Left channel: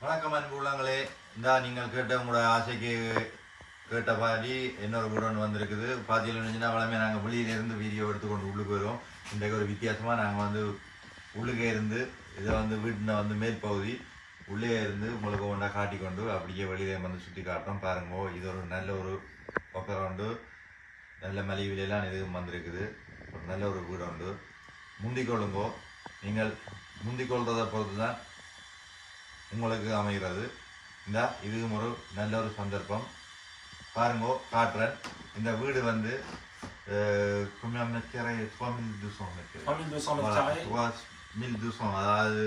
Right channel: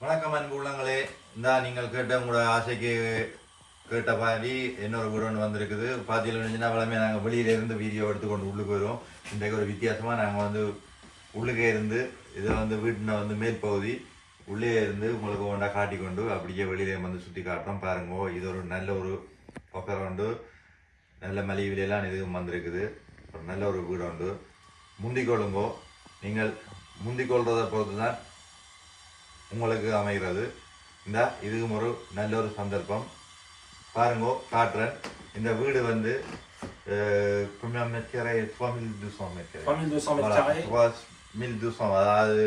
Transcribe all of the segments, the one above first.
வணக்கம் அன்பு உள்ளங்களே. இந்தா நீங்கள் கேட்ட உங்களோட ஆசைக்கு கேட்ட மாதிரி இன்னொரு வீடு வந்திருக்குது. பார்த்தீங்கன்னா சின்ன நாங்கள் வெளியில இருந்து வீடியோ எடுத்துக்கொண்டு உள்ளுக்கு வருவோம். இன்றைக்கு ஒரு வித்தியாசமாக நாங்கள் வந்து உள்ளுக்கே இருந்து இதை வந்து வீட்டில் வந்து மேல் பகுதி உள்ளே இருந்து உங்களுக்கு ஒன்றா காட்டிக்கொண்டு அப்படியே வெளியில வந்து சுற்றி காட்டுறோம். பாருங்க இது ஒரு நல்ல ஒரு பக்கம் உண்டு. நல்ல மலிவிலையெல்லாம் இதுவும் வந்திருக்குது. ஒரு நல்ல ஒரு வீடு உண்டு. முந்திக் கொள்ளுங்கோ நீங்கள் முந்திக் கொள்றதை பொறுத்து தான் உங்களுக்கு அமைகிறது. இந்த இதுவும் ஒரு நல்ல ஒரு சந்தர்ப்பம். பாருங்கோ காட்டுறேன். இந்த வீடு வந்து combien de mètres carrés 3200 mètres carrés 3200 mètres Voilà, carrés. 3200 அதாவது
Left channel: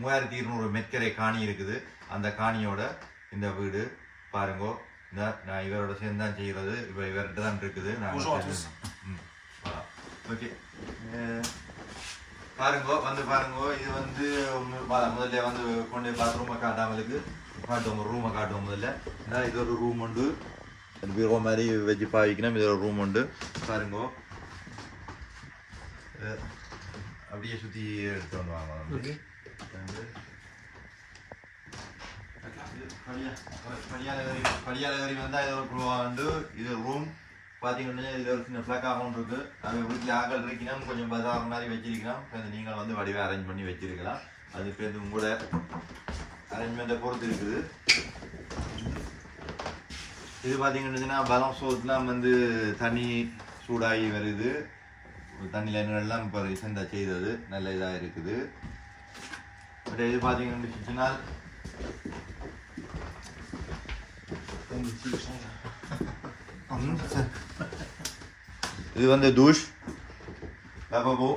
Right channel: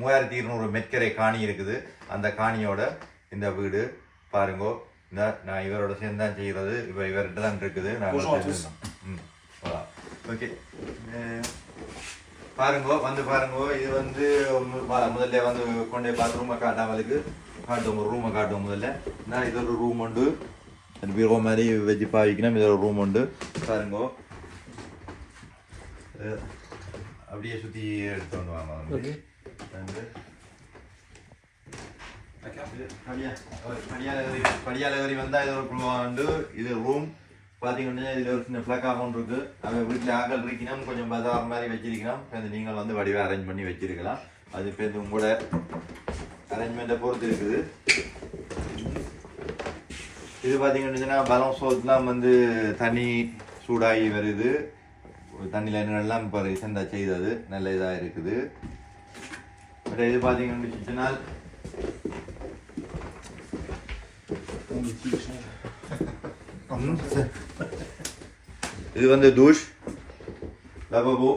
மூவாயிரத்தி இருநூறு மெட்கரை காணி இருக்குது. அந்த காணியோட இந்த வீடு பாருங்கோ. இந்த நான் இவரோட சேர்ந்து தான் செய்கிறது. இப்போ இவர்கிட்ட தான் இருக்குது. voilà. ஓகே. பாருங்கோ வந்து பாருங்கோ இது வந்து முதல்ல வந்து கொண்டே பாத்ரூமை காட்டாமலுக்கு காட்டுவோம் ரூமை காட்டுவோம் முதல்ல. நான் இது ஒரு ரூம் உண்டு. பீரோ மாதிரி வச்சு பாவிக்கணும் இது ஒரு ரூம் உண்டு. பாருங்கோ. அப்படியே சுற்றி எடுத்து வந்து வாங்க வந்து. வந்து. இது படியா- படியால ஏறி- படியால ஏறி வந்தா இது ஒரு குழுவா வந்து இது ரூம் பார்த்தீங்கன்னா இதில் ஒரு சின்ன ஃப்ளக்காகவும் இருக்கு. அங்கே வீட்டில் ஆக்கள் இருக்கணும் கொஞ்சம் பதாரம் மாதிரி வச்சிருக்கலாம் அது நீங்கள் வந்து வடிவை அரேஞ்ச் பண்ணி வச்சிருக்கலாம். அது பேர் உங்களோட அரேஞ்ச்மெண்ட்டை பொறுத்து இருக்குது. இது பார்த்தீங்கன்னா பலம் சோத்துலாம் வந்து தண்ணி சூடாகி வருது. தண்ணியில் எல்லாம் இப்போ ரீசெண்டாக செய்தது. நல்ல இதாக இருக்குது. பட் இது பார்த்தீங்கன்னு வச்சுச்சுன்னா இது வந்து தூஷ் லபபோ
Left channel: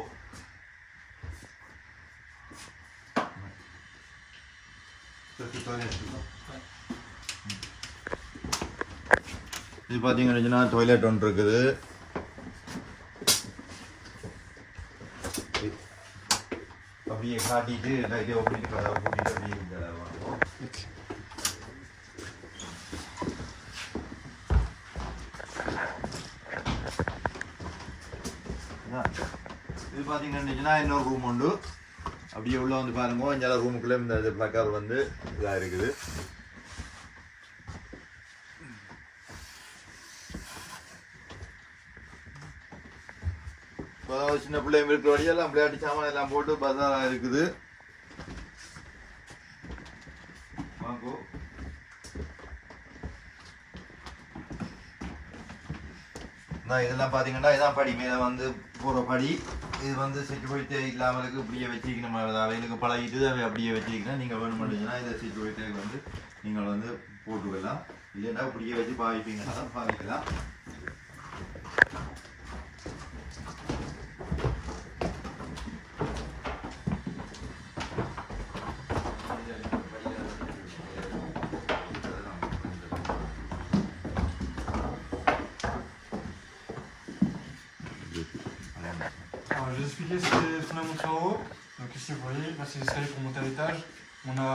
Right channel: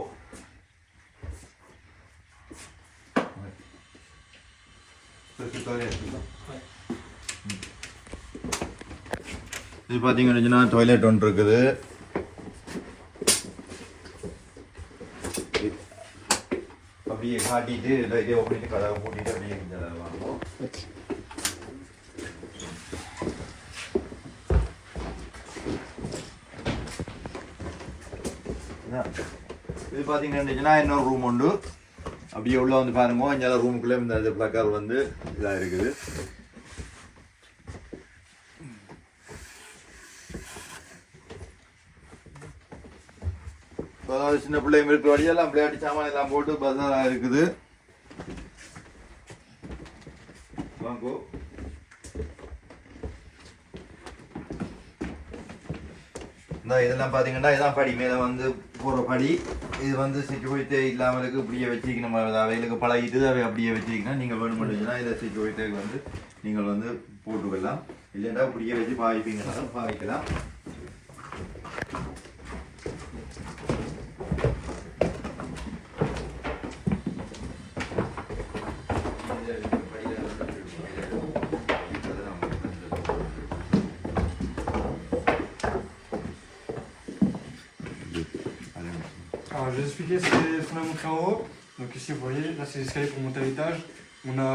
இது பார்த்தீங்கன்னா டாய்லெட் ஒன்று இருக்குது. அப்படியே காட்டிட்டு லைட்டே பண்ணி கதவை மூடிட்டு அப்படியே கொஞ்சம் வாங்குவோம் இதான். இது பார்த்தீங்கன்னா இன்னொரு ரூம் உண்டு. அப்படியே உள்ள வந்து பாருங்க. இங்கே ரூமுக்குள்ளே இந்த ப்ளக்கர் வந்து இதாக இருக்குது. அதாவது சின்ன பிள்ளைங்க இருக்கிற வழியெல்லாம் விளையாட்டு சாமான் எல்லாம் போட்டு பசாராக இருக்குது. வாங்கோ. இந்த இதெல்லாம் பார்த்தீங்கன்னா இதான் படி. மேலே வந்து போகிற படி இது வந்து சிச்சுவேட்டே இல்லாமலுக்கு இப்படியே வச்சிக்கணும் அவைகளுக்கு பழகிட்டு அவை அப்படியே வச்சிக்கணும் நீங்கள் வேணுமெண்டுச்சுன்னா இதை சிச்சுவேட்டுக்கு வந்து நீங்கள் வந்து போட்டுக்கலாம். இல்லைன்னா இப்படியே வச்சு பாவிப்பீங்கன்னா பாவிக்கலாம். expliquer ce que- ce qu'on a montré en haut. Donc ici, vous voyez, là c'est l'escalier pour monter à l'étage. On a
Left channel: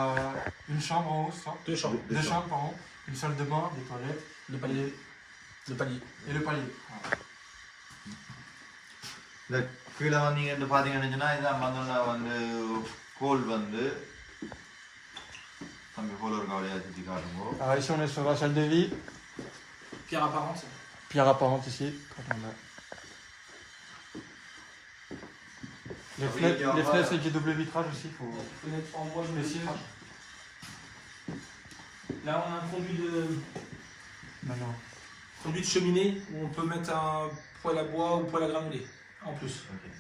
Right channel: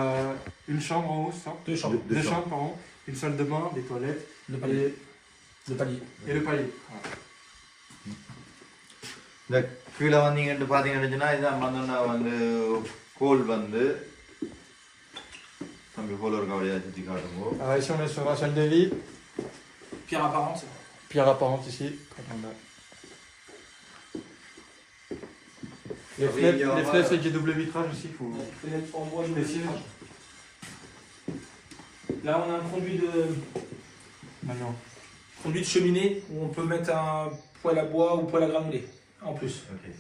une chambre en haut, ça. Deux chambres. Deux chambres, pardon. Une salle de bain, des toilettes Le palier. et, Le palier. et le palier. Voilà. இந்த கீழே வந்தீங்கன்னு பார்த்தீங்கன்னா இதான் வந்தோன்னா வந்து கோல் வந்து தம்பி போல ஒரு கவலையாக சுற்றி காட்டுங்க Alors ici, on est sur la salle de lit. Pierre apparente. Pierre apparente ici. Quand Les Oui, fenêtres, il y a les un fenêtres bas. avec des doubles vitrages aussi. Faut... Fenêtre en bois, Précis. Là, on a un conduit de, Maintenant. conduit de cheminée où on peut mettre un poêle à bois ou poêle à granulés en plus. Okay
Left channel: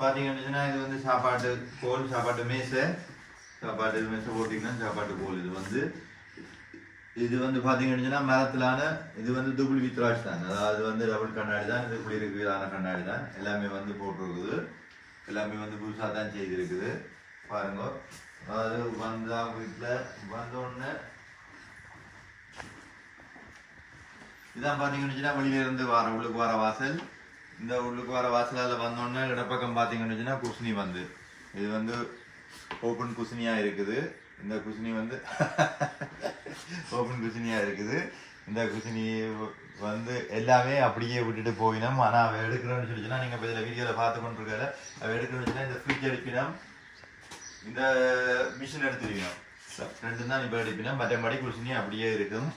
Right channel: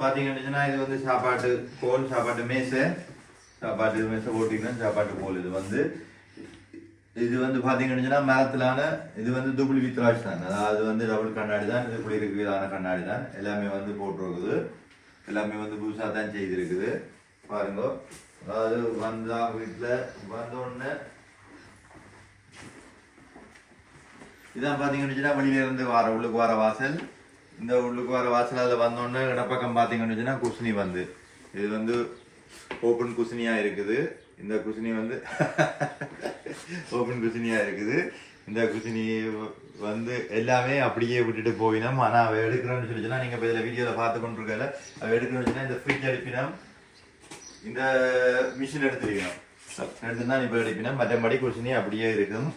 பார்த்தீங்கன்னா இது வந்து சாப்பாட்டு கோல் சாப்பாட்டு மேசை சாப்பாட்டு மேசை போட்டிங்கன்னா சாப்பாட்டு கோல் இது வந்து இது வந்து பார்த்தீங்கன்னா மரத்திலான இது வந்து டபுள் வித்ராஜ் தான் அதாவது வந்து டபுள் கண்ணாடி தான் இது குளிருக்குதான கண்ணாடி தான் எல்லாமே வந்து போட்டிருக்குது எல்லாமே வந்து புதுசாக தான் செய்திருக்குது. பாருங்க. அது வந்தா வீட்டில் வந்தோடனே இதான் பார்த்தீங்கன்னு வெளியில இருந்து வர உள்ளுக்கு வர வாசல். இந்த உள்ளுக்கு வர வாசல் அதில் வந்தோடனே இடப்பக்கம் பார்த்தீங்கன்னு குசினி வந்து. இது வந்து ஓப்பன் குசினியாக இருக்குது. இந்த குசினி வந்து ஓப்பன் குசினியாக இருக்குது. இந்த குசினி வந்து எல்லாமே அப்படியே விட்டுட்டு போயினோம். ஆனால் அவ எடுக்கிறோன்னு சொல்லிச்சுன்னா நீங்கள் இப்போ இதில் வீடியோவில் பார்த்து கொண்டு இருக்கால அவ எடுக்கணும்னு சொன்னா இந்த ஃப்ரிட்ஜ் எடுப்பினோம் இந்த மிஷின் எடுத்துருக்கணும் ரெண்டு தான் இப்போ எடுப்பினா மற்றபடி குசினி அப்படியே இருக்கும்.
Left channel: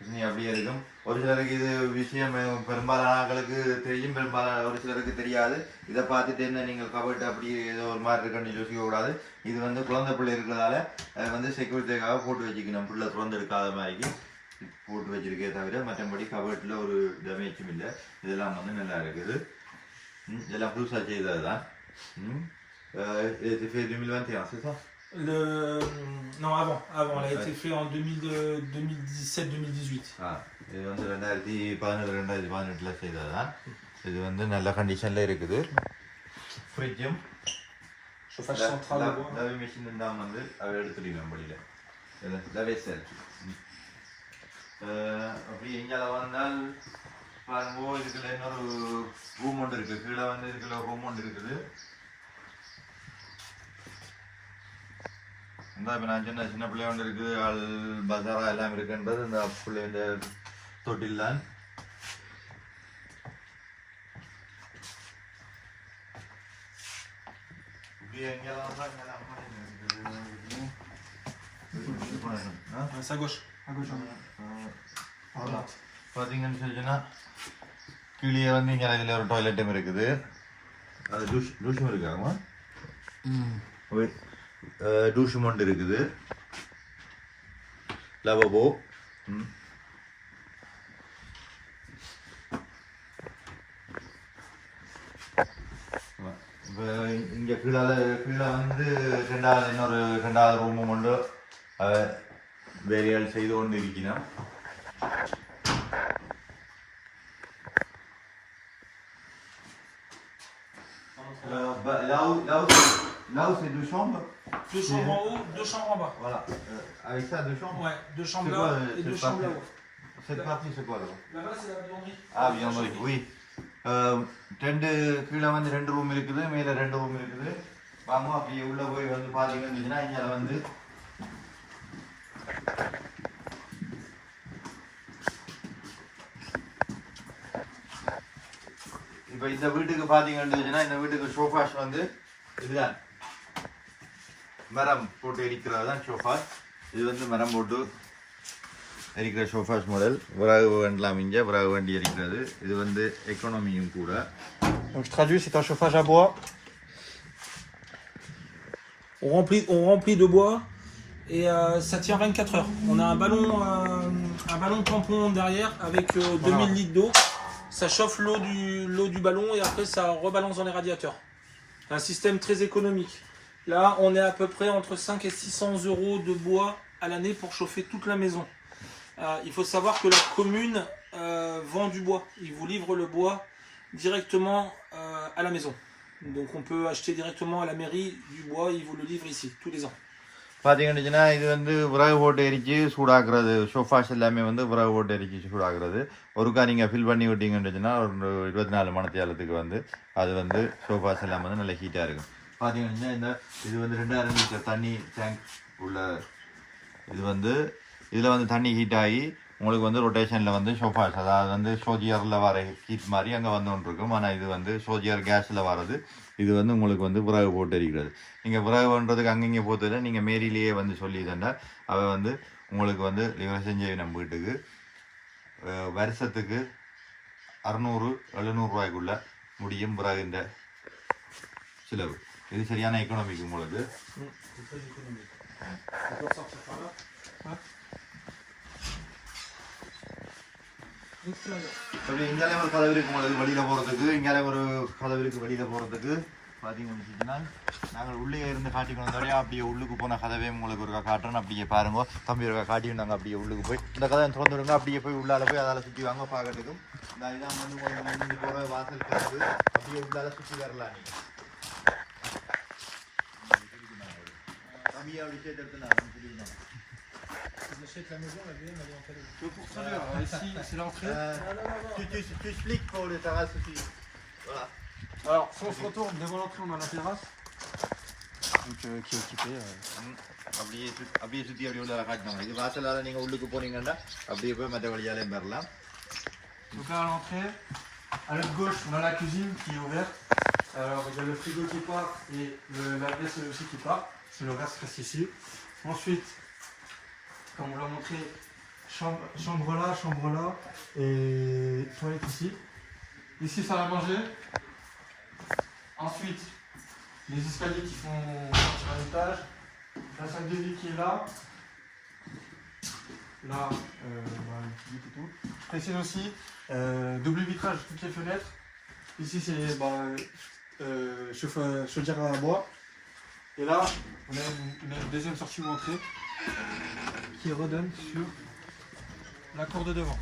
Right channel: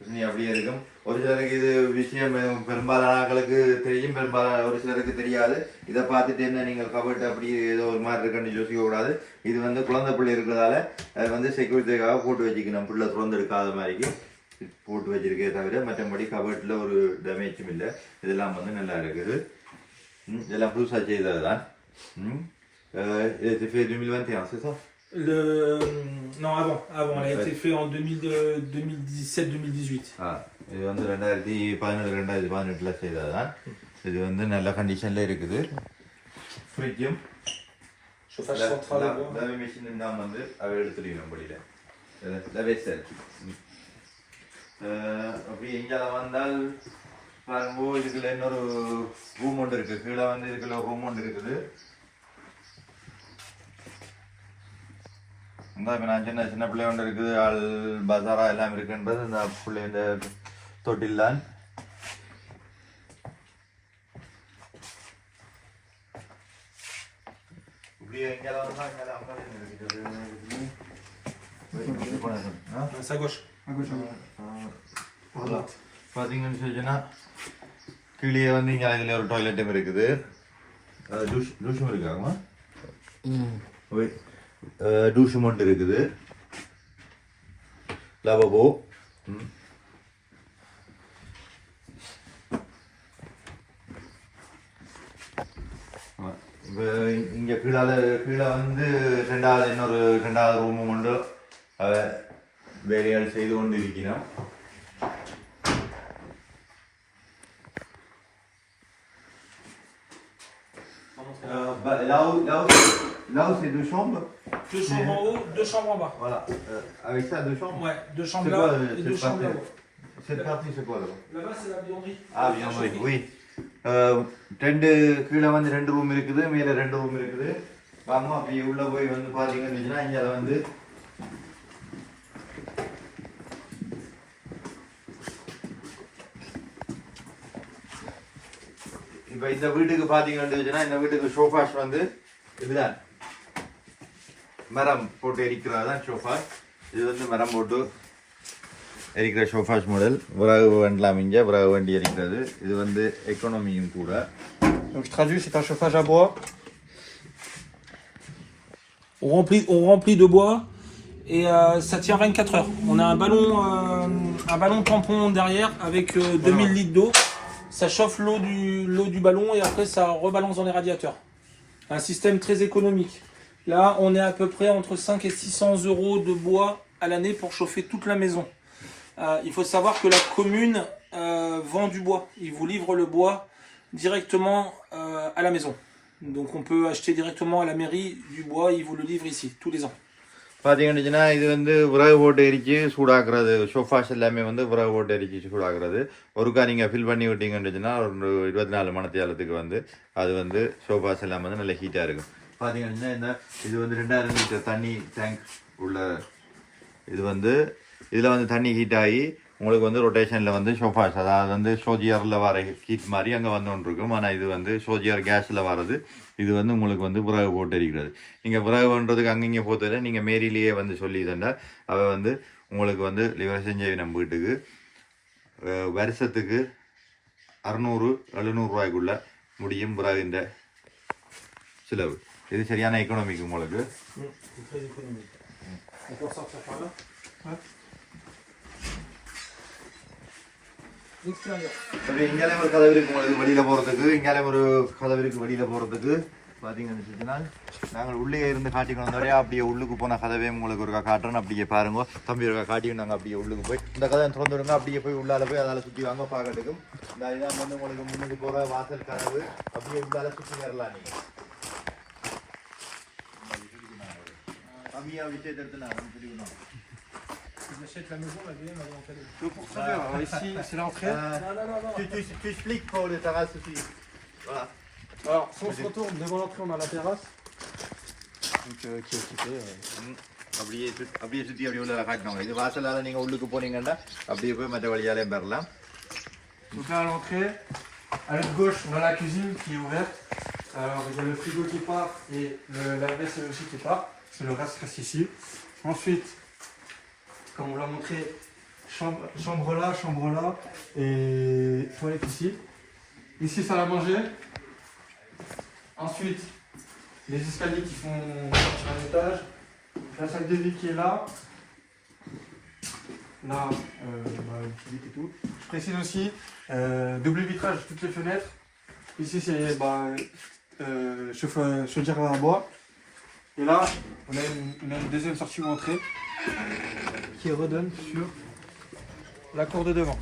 Ça, அப்படியே இருக்கும். ஒரு சிலருக்கு இது விஷயம் பெரும்பாலான ஆட்களுக்கு தெரியும். பெரும்பாலான ஒரு சிலருக்கு தெரியாது. இதை பார்த்துட்டு என்ன நீங்கள் கபட்டு அப்படி ஏதோ ஒரு மாதிரி இருக்குன்னு யோசிக்க கூடாது இது வந்து குழந்தை பிள்ளை இருக்கிறதால அது வந்து செக்யூரிட்டிக்காக போட்டு வச்சுக்கணும். பிள்ளை திறந்து எடுக்காத மாதிரிக்கு போட்டு வச்சிருக்கே தவிர மற்றபடி கபட்டில் ஒரு டேமேஜும் இல்லை. இதெல்லாம் வந்து நல்லா இருக்குது. இதெல்லாம் புதுசாக செய்தது தான் ம். ஃபேர் et c'est fait 2021, c'est ça Le... Non, avant. avant. Elle a été faite en 2000, euh, 2017-2018. ஆ இது வந்து ரெண்டாயிரத்தி பதினேழு ரெண்டாயிரத்தி பதினெட்டில் செய்தது தான் இது வந்து நல்ல கண்டிஷனில் இருக்குது ஃப்ரிட்ஜும் Chauffage central au bois. லவ் மிஷின் தான் வந்து அவ எடுத்துருக்கணும் படியில் லவேசல் அப்படி இங்கே வந்தால் பாருங்க இதுக்குள்ள இன்னொரு ரூம் ஒன்று இருக்குது கீழே வந்து இதுக்குள்ள ரூம் ஒன்று இருக்குது இந்த இப்போ நான் சின்ன சின்ன பிள்ளை ஒன்று இருக்குது ஆள் பசாரா எல்லாம் இருக்குன்றது இந்த பிள்ளை இந்த தொட்டில் தான் இப்படியே இங்கே வந்தால் இங்கே apartment இருக்குது. இது பண்ணணும். ஆ? C'est à gauche. À gauche, à gauche. Voilà. பார்த்தீங்கன்னு சொல்லிச்சுன்னா கீழே வந்து இங்கே அதில் ஒரு டாய்லெட்டும் இருக்குது டூஷ் டூஷும் இருக்காமா டூஷும் ஒன்று இருக்குது. லவபோ இங்கே கீழே கீழே வந்து ரெண்டாவது இன்னொரு ரெண்டாவது ரூமும் ஒன்று வேலையால் செய்து கொண்டு இருக்கிறோம் லவ் bah, là, où, c'est deux chambres, Deux chambres en haut, deux chambres en bas. voilà. Euh, avec ça, deux chambres Ouais, deux chambres là quoi, euh, et deux chambres là-haut. Cette partie, c'est quoi là Là-bas, c'est la buanderie. Ah, vianderie, oui. Euh, ரெண்டு கீழே வந்து ரெண்டு room இருக்குது மேலே ரெண்டு room இருக்குது வாங்க அப்படி உள்ள போய் வந்து பார்த்தீங்கன்னா இங்கே வந்து இப்போ இந்த வீட்டுக்கு பார்த்தீங்கன்னா இந்த வீட்டுக்கு சோஃபாஸ் வந்து இதுதான் மரம் போட்டு எரிக்கிறது தான் சோஃபாஸ் இது வந்து மரம் போட்டு எரிக்கிற சோஃபாஸ் மாடல் விறகு வேண்டலாம் இங்கே விறகு வண்டி எரிக்கிறது இது வந்து எக்கனாமியும் கூட Donc je traduis, c'est un chauffage à bois. On remplit, on remplit de bois et euh, ça tient 24 heures. On a un ballon, euh, un ballon tampon derrière avec euh, 2000 litres d'eau. Ça chauffe l'eau du, l'eau du ballon et après ça rebalance dans les radiateurs. Un système très économique. Là, on est à peu près entre 5 et 600 euros de bois à l'année pour chauffer toute la maison. Euh, il faut savoir que la commune euh, vend du bois. Il vous livre le bois directement euh, à la maison. Donc on peut acheter directement à la mairie du bois, ils vous le livrent ici, tous les ans. பார்த்தீங்கன்னா இது வந்து விறகு போட்டு எரிச்சு சூடாக்குறது sofas எல்லாமே வந்து விறகு போட்டு எரிச்சு சூடாக்குறது ஒருக்கா நீங்கள் ஃபில் பண்ணி விட்டீங்கன்னு ஒரு இருபத்தி நாலு மணத்தியாலத்துக்கு வந்து அது வந்து சோஃபாஸ் எல்லாம் வந்து நல்ல ஹீட்டாக இருக்கும் பார்த்தீங்கன்னா என்ன இது வந்து ரெண்டாயிரம் லிட்டர் தண்ணி டேங்க் உள்ள இது வந்து இதில் வந்து தண்ணி ஹீட் ஆகி உங்களுக்கு வந்து ரொட்டேஷனில் வந்து ஷோஃபாஸ் அதாவது வந்து சோஜியரில் வர ஹீட் மாதிரி அங்கே வந்து ஒன்று இருக்கும். ஆனால் இது வந்து சோஜியர் கேஸில் வர்றது இது வந்து உங்களுக்கு வந்து விறகு போட்டு இருக்கிறது நீங்கள் விறகுன்றதுக்கு அங்கங்கே போத்ததில் நீங்கள் மேரிலேயே வந்து சொல்லி தண்டா அவள் வந்து உங்களுக்கு வந்து லிவர் செஞ்சு நம்ம வீட்டுக்கு வருஷத்துக்கு அறுநூறு எழுநூறுவாய்க்குள்ள முடியும் விறகு இந்த செலவு. இது சரியான எக்கனாமிக் உங்களுக்கு. très அப்படி ஒரு கதவு இருக்கும் உங்களுக்கு வெளியில் போகிறதுக்கு இங்காலே ஒரு கதவு இருக்கு வெளியில் போகிறதுக்கு பார்த்தீங்கன்னு வச்சுச்சுன்னா நாங்கள் உள்ளே இருந்து காட்டிக்கணும் வந்தோடய அப்படியே உள்ளுக்கு போன கதவே உங்களுக்கு ஒரு காட்டுறேன். அப்படியே பாருங்க. தம்பி ஒரு காட்டி நாங்கள் அப்படியே உள்ளுக்கு போய். இந்த கதை திறந்து விடுங்க. அப்படியே போய் உள்ளால போய் அதால் சுற்றி வாங்க பார்க்கறதுக்கும். இந்த இதான் வந்து உங்களுக்கு முன்னுக்கு போகிற வாசல் கதவு. அப்படியே உள்ளால சுற்றி வரலாம் நீங்க தம்பியா விஷயத்தை எடுத்து நான் புரியுமா Ils achètent la maison, la VM, avant qu'elle Donc pour ça, alors, ici, c'est l'entrée. tu, tu, tu expliques pour les terrasses aussi. Voilà. Alors, si on se retourne devant l'entrée, on a la terrasse. Donc, euh, qui est occupée. euh. அப்படியே சுத்தி அப்படியே சுற்றி அப்படியே உள்ள காட்டினாங்க இது வாசலால் நீங்கள் உள்ளுக்கு போனீங்கன்னா அப்படியே போய் மற்ற வழியாலே பெறலாம் Donc là, à l'entrée, à notre gauche, on a la cuisine qui est ouverte Alors, il y a le frigo qui part et le lave-vaisselle aussi qui part. Le reste reste ici. Ensuite, comme on l'a montré, chambre, là, chambre là et toilette ici. Ici, salle à manger. Ensuite, les escaliers qui font sur un étage. La salle de vie qui est là. Là, euh, et tout. Je précise aussi, euh, double vitrage toutes les fenêtres. Ici, c'est bah, euh, chaudière à bois. Et là, on a une, une deuxième sortie ou entrée qui redonne sur la cour de devant.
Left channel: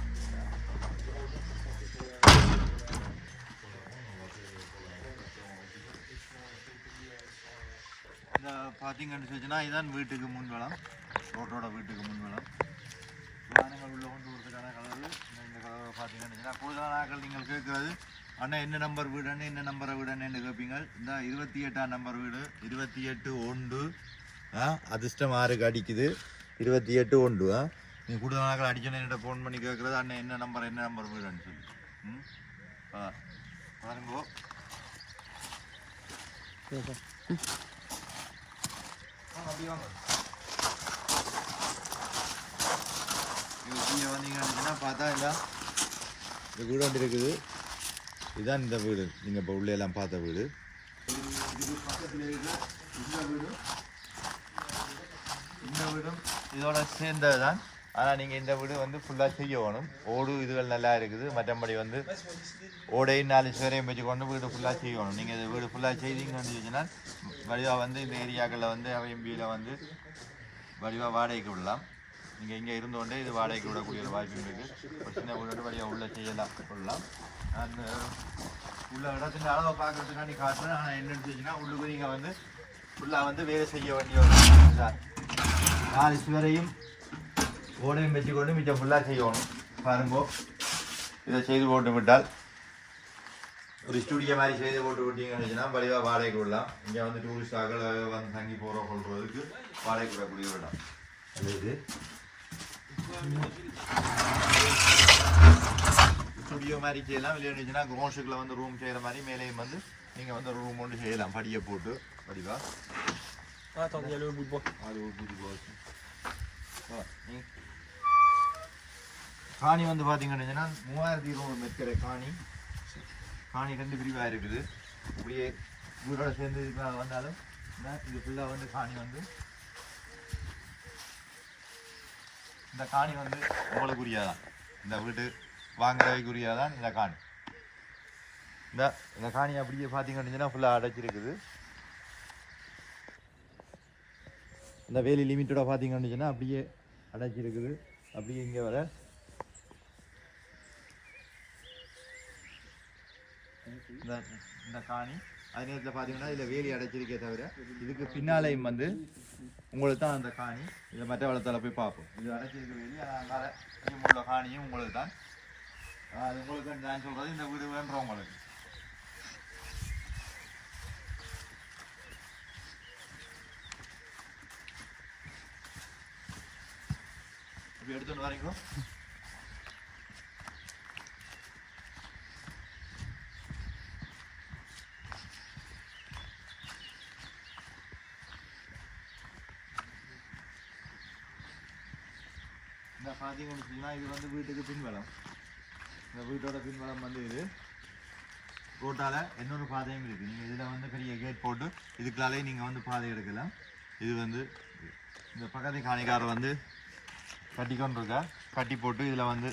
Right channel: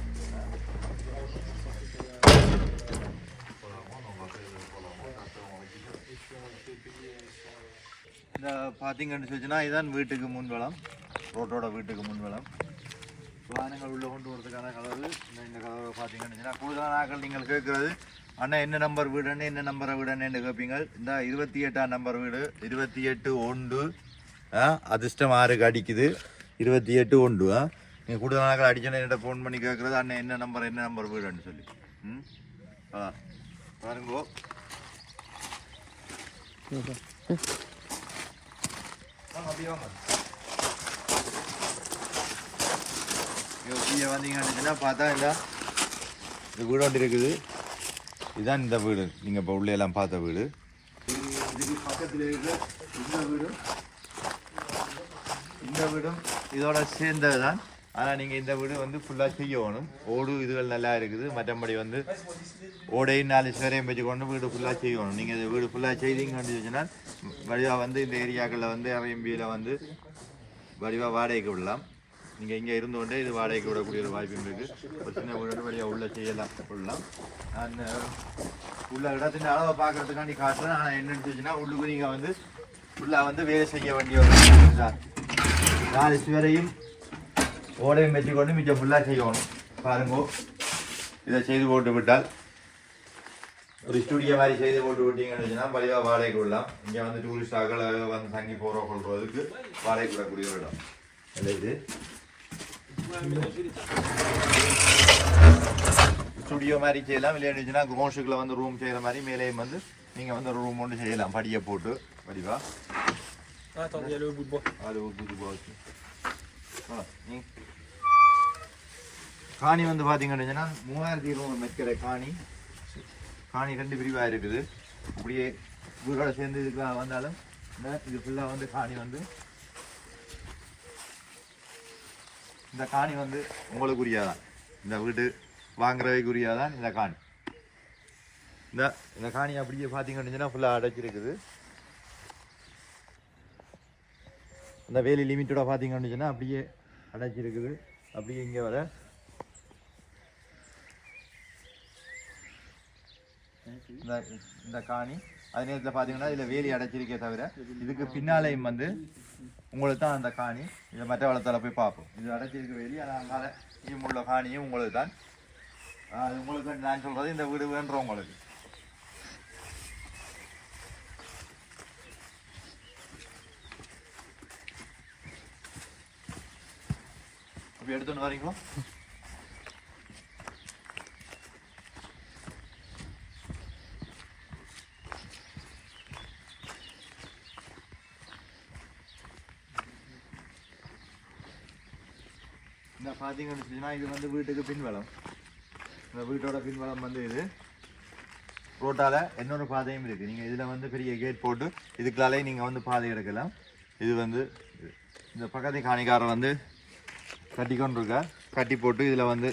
இந்த பார்த்தீங்கன்னு சொல்லிச்சுன்னா இதுதான் வீட்டுக்கு முன்வளம் ரோட்டோட வீட்டுக்கு முன்வளம் வாகனங்கள் உள்ள கொண்டு வரதுக்கான கதவு இந்த இந்த கதவை பார்த்தீங்கன்னு சொன்னா, கூடுதலான நாட்கள் நீங்கள் கேட்குறது அண்ணா என்ன நம்பர் வீடுன்னு என்ன நம்பரை வீடுன்னு கேட்பீங்க இந்த இருபத்தி எட்டாம் நம்பர் வீடு. இருபத்தி எட்டு ஒன்று. ஆ அதிர்ஷ்டம் ஆறுக்கு அடிக்குது. இருபத்தி எட்டு ஒன்று ஆ. நீங்கள் கூடுதல் நாட்கள் அடிச்சோன்னே என்கிட்ட ஃபோன் பண்ணி கேட்குறது அண்ணன் என்ன நம்பர் என்ன நம்பர் வீடுன்னு சொல்லி. ம்? ஆ பாருங்கோ. அப்படியே வாங்க. வந்தீங்கன்னா பார்த்தா இந்த இது கூட இருக்குது. இதுதான் இந்த வீடு. நீங்கள் இப்போ உள்ளே எல்லாம் பார்த்த வீடு. இதுக்கு பக்கத்தில் இருக்கிற இந்த இந்த வீடும் இதோட சேர்ந்தது தான் ஆனால் நீங்கள் இந்த வீடு வந்து ஃபுல்லாக செய்ய வேணும் ஓடு இதுகள் நல்லா இருக்குது. மற்றபடி வந்து ஓடையும் நாலு சுவரையும் வச்சுக்கொண்டு வீடு ஃபுல்லாக செய்யணும். நீங்கள் இந்த வீடு ஃபுல்லாக செய்தீங்கன்னு சொன்னால் வடிவாக வந்து இந்த ஏரியாக்களில் வந்து அரம்பியில் வந்து வடிவாக வாடகைக்கு விடலாம். நீங்கள் இங்கே இருந்தோண்டே இது வாடகைக்கு விடக்கூடிய ஒரு வாய்ப்பு இருக்குது ஒரு சின்ன வீடு வழியாக உள்ளே செய்யலாம் சொல்லலாம் அந்த உள்ள இடத்துல அளவை பார்க்கறதுக்காண்டி காட்டுறேன் ஆனால் என்ன இருந்துச்சுன்னா உள்ளுக்கு நீங்கள் வந்து ஃபுல்லாக வந்து வேலை செய்ய வேண்டிய ஒரு நாலு சுவரையும் ஓடையும் வச்சுக்கொண்டு மிச்சம் ஃபுல்லாக செய்யணும். பாருங்க இதை செய்து போட்டு விட்டால் ஒரு ஸ்டுடியோ மாதிரி செய்து போட்டு விட்டீங்கன்னு வச்சுன்னா பழிவாக வாடகைக்கு விடலாம். இங்கே வந்து டூரிஸ்டாக்களை வந்து தங்கி போகிற கொள்றதுக்கு வாடகைக்கு விடக்கூடிய ஒரு இடம். அது இது ஸ்டுடியோ மாதிரி செய்யலாம். விளையாண்டுச்சுன்னா கோஷுக்குள்ள வந்து ரூம் செய்கிற மாதிரி மேலேயும் வந்து நீங்கள் வந்து ரூம் ஒன்று செய்யலாம். படியை போட்டு. வடிவா. காணி வந்து பார்த்தீங்கன்னா மூவாயிரத்தி இருநூறு மெட்கிற காணி. காணி ரெண்டு பிரிவாக இருக்குது. அப்படியே வீடோட சேர்ந்து இதுக்கு வந்தாலும் இது ஃபுல்லாக வந்து காணி வந்து இந்த காணி வந்து உங்களுக்குரியதான். இந்த வீட்டு வாங்குறவைக்குரியதான் இந்த காணி. இந்த இந்த காணி அப்படியே பார்த்தீங்கன்னா ஃபுல்லாக அடைச்சிருக்குது. இந்த வேலி லிமிட்டோட பார்த்தீங்கன்னா அப்படியே அடைச்சிருக்குது. அப்படியே இங்கே வர. இந்த இந்த காணி அதே நேரத்தில் பார்த்தீங்கன்னா இதில் வேலி அடைச்சிருக்கே தவிர இதுக்கு பின்னாலேயும் வந்து உங்களுக்கு தான் அந்த காணி இதை மற்ற வளத்தில் போய் பார்ப்போம். இது அடைச்சிருக்க வேலி அதனால் இங்கே உள்ள காணியும் உங்களுக்கு தான் உங்களுக்கு தான் நான் சொல்கிறது இந்த வீடு வேண்டுறோம் உங்களுக்கு. இப்போ எடுத்துன்னு வரீங்களா இந்த பார்த்தீங்கன்னு வச்சுன்னா இது வந்து வீட்டுக்கு பின்வளம் இந்த வீட்டோட பின்வளம் வந்து இது ரோட்டால் இன்னொரு பாதையும் இருக்குது நீங்கள் இதில் வந்து பெரிய கேட் போட்டு இதுக்குள்ளாலே நீங்கள் வந்து பாதை எடுக்கலாம் இது வந்து இந்த பக்கத்து காணிக்காரர் வந்து கட்டி கொண்டு கட்டி போட்டு இதில் வந்து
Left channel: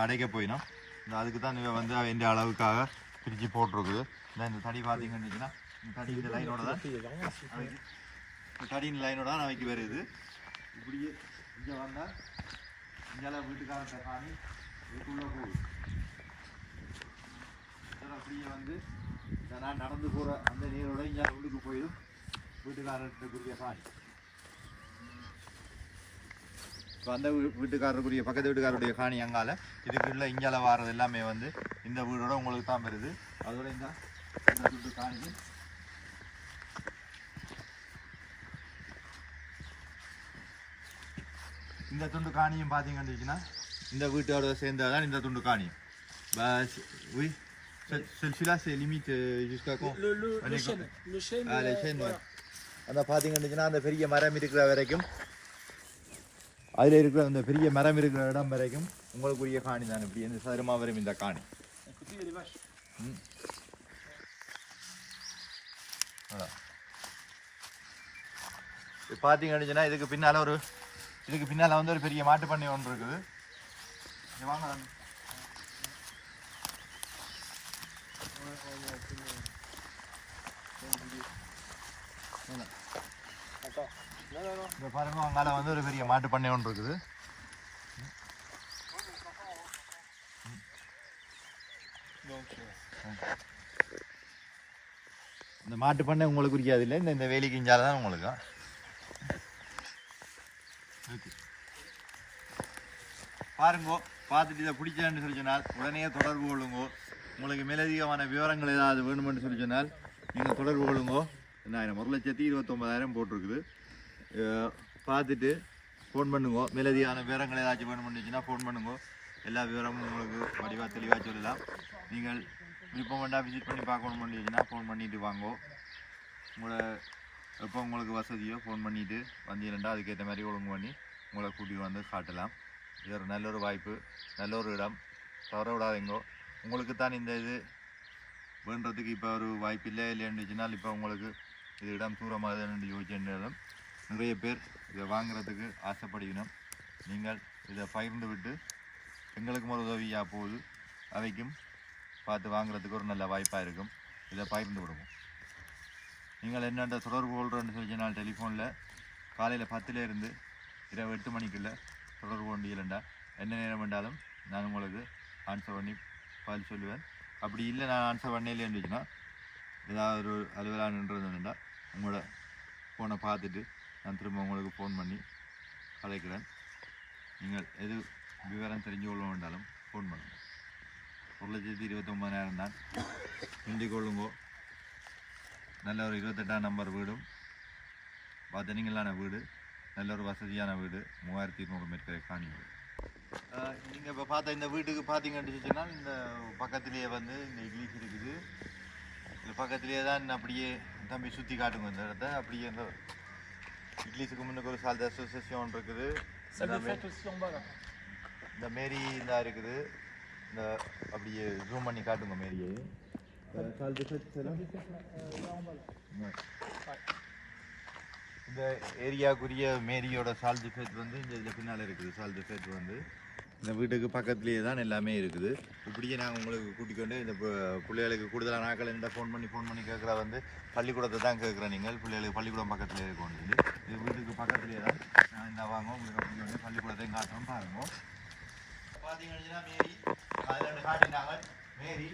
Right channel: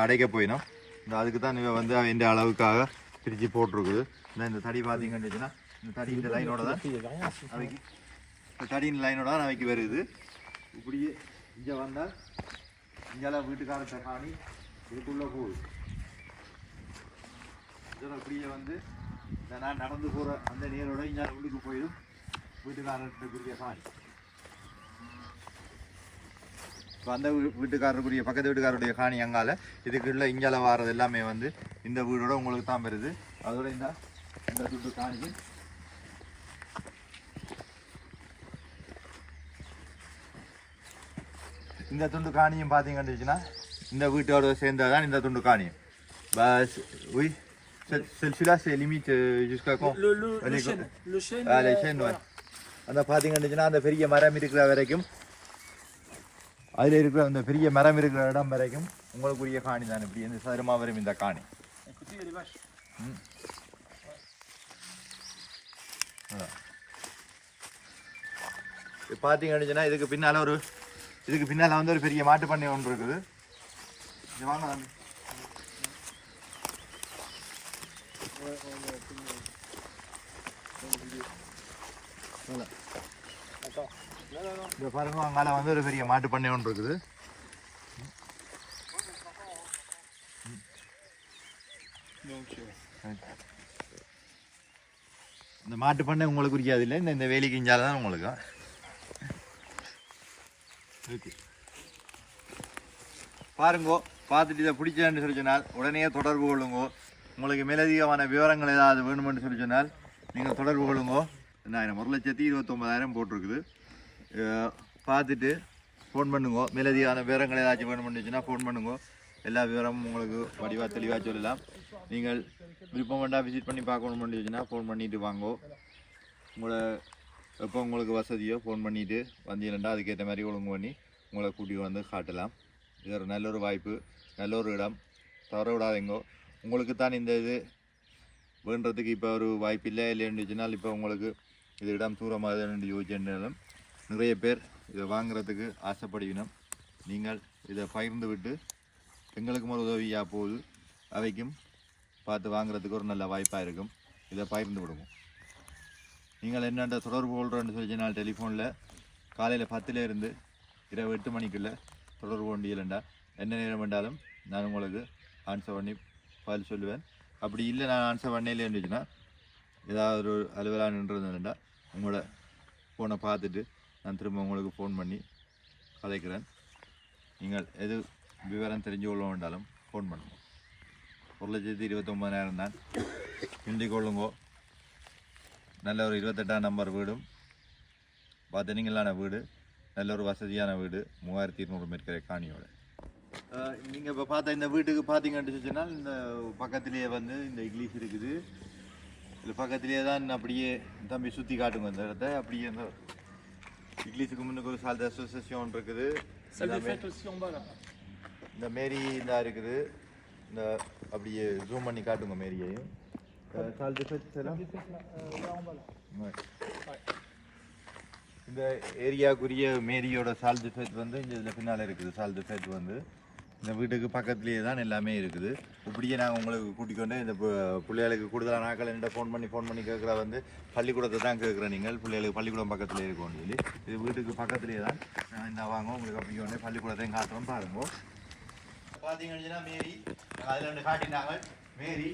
அடைக்க போயிடும் இந்த அதுக்கு தான் இவன் வந்து எந்த அளவுக்காக பிரித்து போட்டிருக்குது இந்த இந்த தடி பார்த்தீங்கன்னு வச்சுன்னா இந்த தடி இந்த லைனோட தான் அவைக்கு இந்த தடியின் லைனோட தான் அவைக்கு வருது இப்படியே இங்கே வந்தால் இங்கெல்லாம் வீட்டுக்காரன் காணி இதுக்குள்ளே போய் இதில் அப்படியே வந்து இந்த நான் நடந்து போகிற அந்த நீரோட இங்கே உள்ளுக்கு போயிடும் வீட்டுக்காரத்துக்குரிய காணி இப்போ அந்த வீட்டுக்காரருக்குரிய பக்கத்து வீட்டுக்காரருடைய காணி அங்கால இதுக்குள்ள இங்கால வாரது எல்லாமே வந்து இந்த வீடோட உங்களுக்கு தான் வருது அதோட இந்த இந்த வீட்டு காணி இந்த துண்டு காணியும் பார்த்தீங்கன்னு இந்த வீட்டோட சேர்ந்ததான் இந்த துண்டு காணியும் பஸ் உய் Ce- Celui-là, c'est limite euh, jusqu'à quand Le, le, le Allez, chêne. Le chêne. Ah, les euh, chaînes, ouais. voilà. அந்த பார்த்தீங்கன்னா அந்த பெரிய மரம் இருக்கிற வரைக்கும் அதில் இருக்கிற அந்த பெரிய மரம் இருக்கிற இடம் வரைக்கும் உங்களுக்குரிய காணி தான் இப்படி இந்த சதுரமாக வரும் இந்த காணி பார்த்தீங்கன்னா இதுக்கு பின்னால் ஒரு இதுக்கு பின்னால் வந்து ஒரு பெரிய மாட்டு பண்ணை ஒன்று இருக்குது. வாங்க. பாருங்க அங்கால வந்து ஒரு பெரிய மாட்டு பண்ணை ஒன்று இருக்குது. இந்த மாட்டு பண்ணை உங்களுக்கு குறிக்காது இல்லை? இந்த இந்த வேலி கிஞ்சால் தான் உங்களுக்கு. இருக்கு பாருங்கோ பார்த்துட்டு இதை பிடிச்சேன்னு சொல்லி சொன்னால் உடனே தொடர்பு கொள்ளுங்கோ. உங்களுக்கு மேலதிகமான விவரங்கள் ஏதாவது வேணுமென்னு சொல்லி சொன்னால் நீங்கள் தொடர்பு கொள்ளுங்கோ. என்னாயிரம் ஒரு லட்சத்தி இருபத்தொம்பதாயிரம் போட்டிருக்குது. பார்த்துட்டு ஃபோன் பண்ணுங்கோ. மேலதிகமான விவரங்கள் ஏதாச்சும் வேணுமென்னுச்சுன்னா ஃபோன் பண்ணுங்கோ. எல்லா விவரமும் உங்களுக்கு வடிவாக தெளிவாக சொல்லலாம். நீங்கள் விருப்பம் வேண்டாம் விசிட் பண்ணி பார்க்கணும்னு ஃபோன் பண்ணிட்டு வாங்கோ. உங்களை எப்போ உங்களுக்கு வசதியோ ஃபோன் பண்ணிவிட்டு வந்தீங்கன்னா அதுக்கேற்ற மாதிரி ஒழுங்கு பண்ணி உங்களை கூட்டி வந்து காட்டலாம். இது ஒரு நல்ல ஒரு வாய்ப்பு நல்ல ஒரு இடம். தவற விடாதீங்கோ. உங்களுக்கு தான் இந்த இது வேண்டதுக்கு இப்போ ஒரு வாய்ப்பு இல்லை இல்லைன்னுச்சுனால் இப்போ உங்களுக்கு இது இடம் தூரமாக யோசிச்சிருந்தாலும் நிறைய பேர் இதை வாங்குறதுக்கு ஆசைப்படுகிறோம் நீங்கள் இதை பகிர்ந்து விட்டு எங்களுக்கும் ஒரு உதவியாக போகுது. அவைக்கும் பார்த்து வாங்குறதுக்கு ஒரு நல்ல வாய்ப்பாக இருக்கும். இதை பகிர்ந்து விடுவோம். நீங்கள் என்னென்ன தொடர்பு கொள்கிறோன்னு சொல்லி நான் டெலிஃபோனில். காலையில் பத்துலேருந்து இரவு எட்டு மணிக்குள்ளே தொடர்பு கொண்டீங்களா என்ன நேரம் வேண்டாலும் நான் உங்களுக்கு ஆன்சர் பண்ணி பதில் சொல்லுவேன். அப்படி இல்லை நான் ஆன்சர் பண்ணல இருந்துச்சுன்னா ஏதாவது ஒரு அலுவலாக நின்றுருந்தேன்டா உங்களோட ஃபோனை பார்த்துட்டு நான் திரும்ப உங்களுக்கு ஃபோன் பண்ணி கலைக்கிறேன். நீங்கள் எது விவரம் தெரிஞ்சு கொள்ள வேண்டாலும் ஃபோன் பண்ணுங்க. ஒரு லட்சத்தி இருபத்தொம்பதாயிரம் தான். முந்திக் நல்ல ஒரு இருபத்தெட்டாம் நம்பர் வீடும். பார்த்தீங்களான வீடு. நல்ல ஒரு வசதியான வீடு. மூவாயிரத்தி இருநூறு மேற்கரை காணியோட. நீங்கள் இப்போ பார்த்த இந்த வீட்டுக்கு பார்த்தீங்கன்னு சொன்னால் இந்த பக்கத்துலேயே வந்து இந்த இங்கிலீஷ் இருக்குது. இது பக்கத்துலேயே தான் அப்படியே தம்பி சுற்றி காட்டுங்க இந்த இடத்த. அப்படியே இந்த இங்கிலீஷுக்கு முன்னுக்கு ஒரு சால்ட் அசோசியேஷன் இருக்குது. Bas là. இந்த மேரி இந்த இருக்குது. இந்த அப்படியே ஜூம் பண்ணி காட்டுங்க மேரியையும் டிஃபெக்ட்ஸ் எல்லாம் ம். இந்த ஏரியாக்குரிய மேரியோட சால் டிஃபெக்ட் வந்து இந்த இதில் பின்னால் இருக்குது சால் டிஃபெக்ட் வந்து இந்த வீட்டுக்கு பக்கத்துலேயே தான் எல்லாமே இருக்குது. இப்படியே நான் உங்களுக்கு கூட்டிக் கொண்டு இந்த பிள்ளைகளுக்கு கூடுதலான நாட்கள் இந்த ஃபோன் பண்ணி ஃபோன் பண்ணி கேட்குற வந்து பள்ளிக்கூடத்தை தான் கேட்குறேன் நீங்கள். பிள்ளைகளுக்கு பள்ளிக்கூடம் பக்கத்தில் இருக்கும் சொல்லி இது வீட்டுக்கு பக்கத்துலேயே தான். நான் இந்த வாங்க உங்களுக்கு அப்படி கொண்டு பள்ளிக்கூடத்தையும் காட்டுறோம் பாருங்க. பார்த்தீங்கன்னா மேரி அதில் காட்டினாங்க. மேரி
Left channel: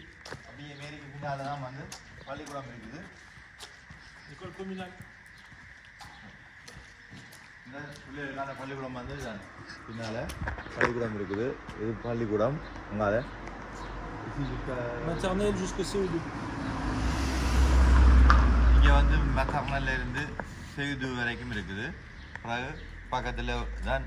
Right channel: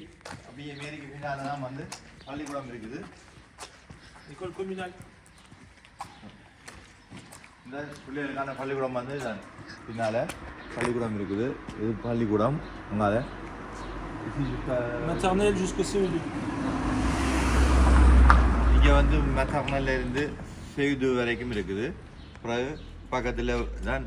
அப்படியே மேரிக்கு பின்னால் தான் வந்து பள்ளிக்கூடம் இருக்குது. École communale. இந்த பிள்ளைகளுக்கான பள்ளிக்கூடம் வந்து பின்னால் பள்ளிக்கூடம் இருக்குது. இது பள்ளிக்கூடம். Maternelle jusqu'au CO2. இங்கே வந்து மெத்தர்னல்ல இருந்து செய்து வரைக்கும் இருக்குது. பிறகு பக்கத்தில் தான்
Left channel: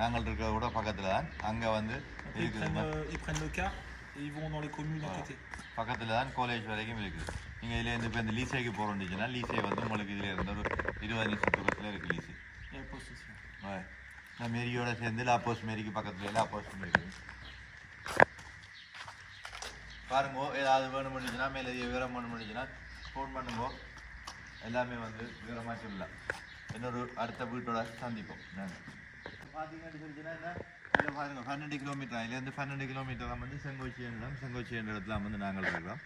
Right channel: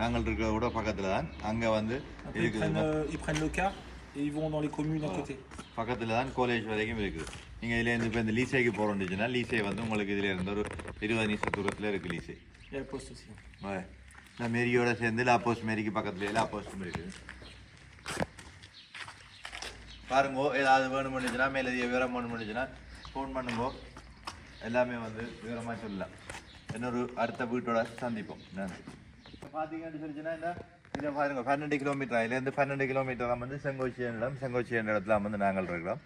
நாங்கள் இருக்கிறத விட பக்கத்தில் தான் அங்கே வந்து இருக்குது. Et ils vont dans les communes à côté. பக்கத்தில் தான் காலேஜ் வரைக்கும் இருக்குது நீங்கள் இதுலேருந்து இப்போ இந்த லீசேக்கு போகிறோம்னுச்சுன்னா லீசே வந்து உங்களுக்கு இதில் இருந்து ஒரு இருபது நிமிஷம் தூரத்தில் இருக்குது லீசே. இந்த மேரியோட சேர்ந்து லாப்போஸ் மேரிக்கு பக்கத்துல லாப்போஸ்டும் இருக்குது பாருங்க ஏதாவது வேணும்னுச்சுன்னா மேலதிக விவரம் வேணும்னுச்சுன்னா ஃபோன் பண்ணுங்க எல்லாமே வந்து விவரமாக சொல்லலாம் இன்னொரு அடுத்த வீட்டோட சந்திப்போம் நன்றி இப்போ பார்த்தீங்கன்னு சொல்லிச்சுன்னா என்ன இதை பாருங்க பன்னெண்டு கிலோமீட்டர் இதுலேருந்து பன்னெண்டு கிலோமீட்டர் வந்து செங்கோச்சியன் இடம் செங்கோச்சியன் இடத்துல வந்து நாங்கள் இருக்கிறோம்.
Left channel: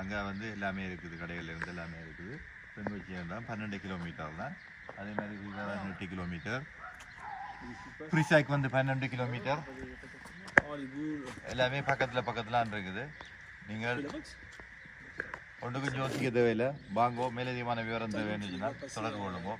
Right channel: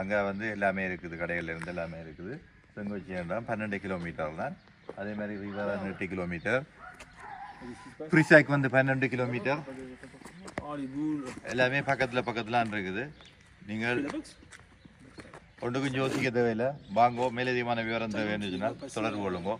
அங்கே வந்து எல்லாமே இருக்குது கடைகள் இருந்து எல்லாமே இருக்குது. செங்கோச்சியன் இடம் பன்னெண்டு கிலோமீட்டர் தான். அதே மாதிரி ரிவர் எட்டு கிலோமீட்டர் ஃப்ரிசாக் வந்து பன்னெண்டு கிலோமீட்டர். எல்லாமே பக்கத்தில் பக்கத்தில் இருக்குது. நீங்கள் ஒன்றுக்கும் யோசிக்க தேவையில்லை. வாங்கோ மேலதிகமான விவரம் தேவைன்னு சொன்னால் தொடர்பு கொள்ளுங்கோ.